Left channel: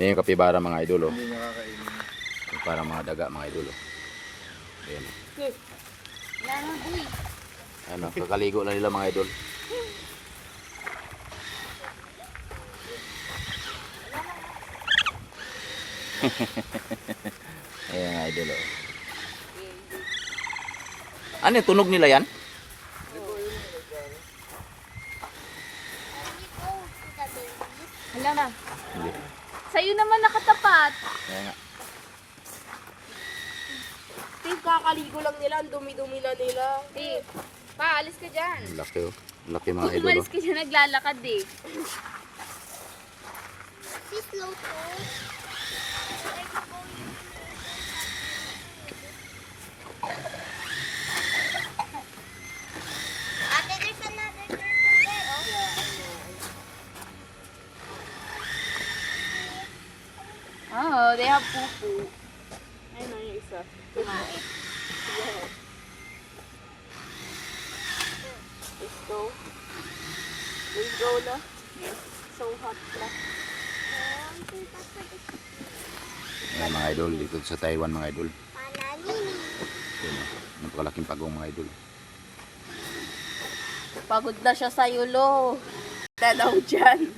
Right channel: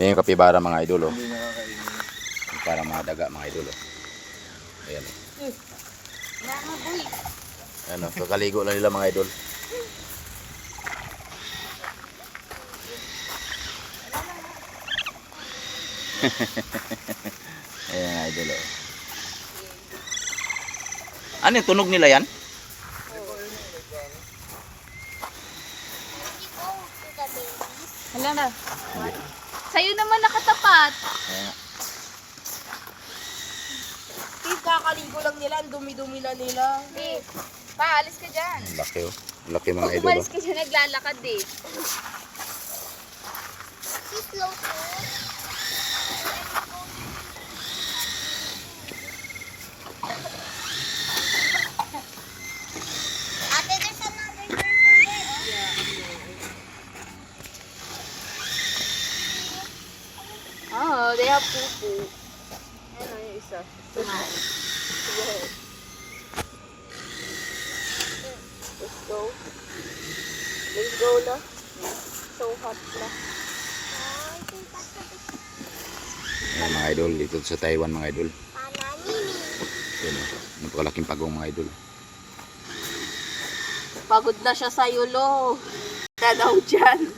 Yan yung kapibara mga idol, oh. Hindi nakakainin. Yung parang mga daga mga idol, oh. Ayan, oh. Ayan, oh. Kakaligo lang nila mga idol. Ayan mga idol, oh. Ano yung tunog nila yan? Hala na. Hindi. Sa'yo naman nakatapat. Ayan nga. Steve, kakaligo lang nila. Ang dumi-dumi na nila. Eh, paalis ka dyan. Ang laki, oh. Ang laki mga idol, Umalis oh. ka dyan, naglalakad eh. Ate, there's another turtle there, oh. Oh, they have poo-poo. Ayun yung isa. Ito na. Sige. Let's go. Let's go la. So hot na. Ayan mga idol, dito sa Taiwan mga idol. Panalini. Ayan, oh. Napakalaking pagong mga idol. Pagod na siya sa yulo. Ka daw dyan.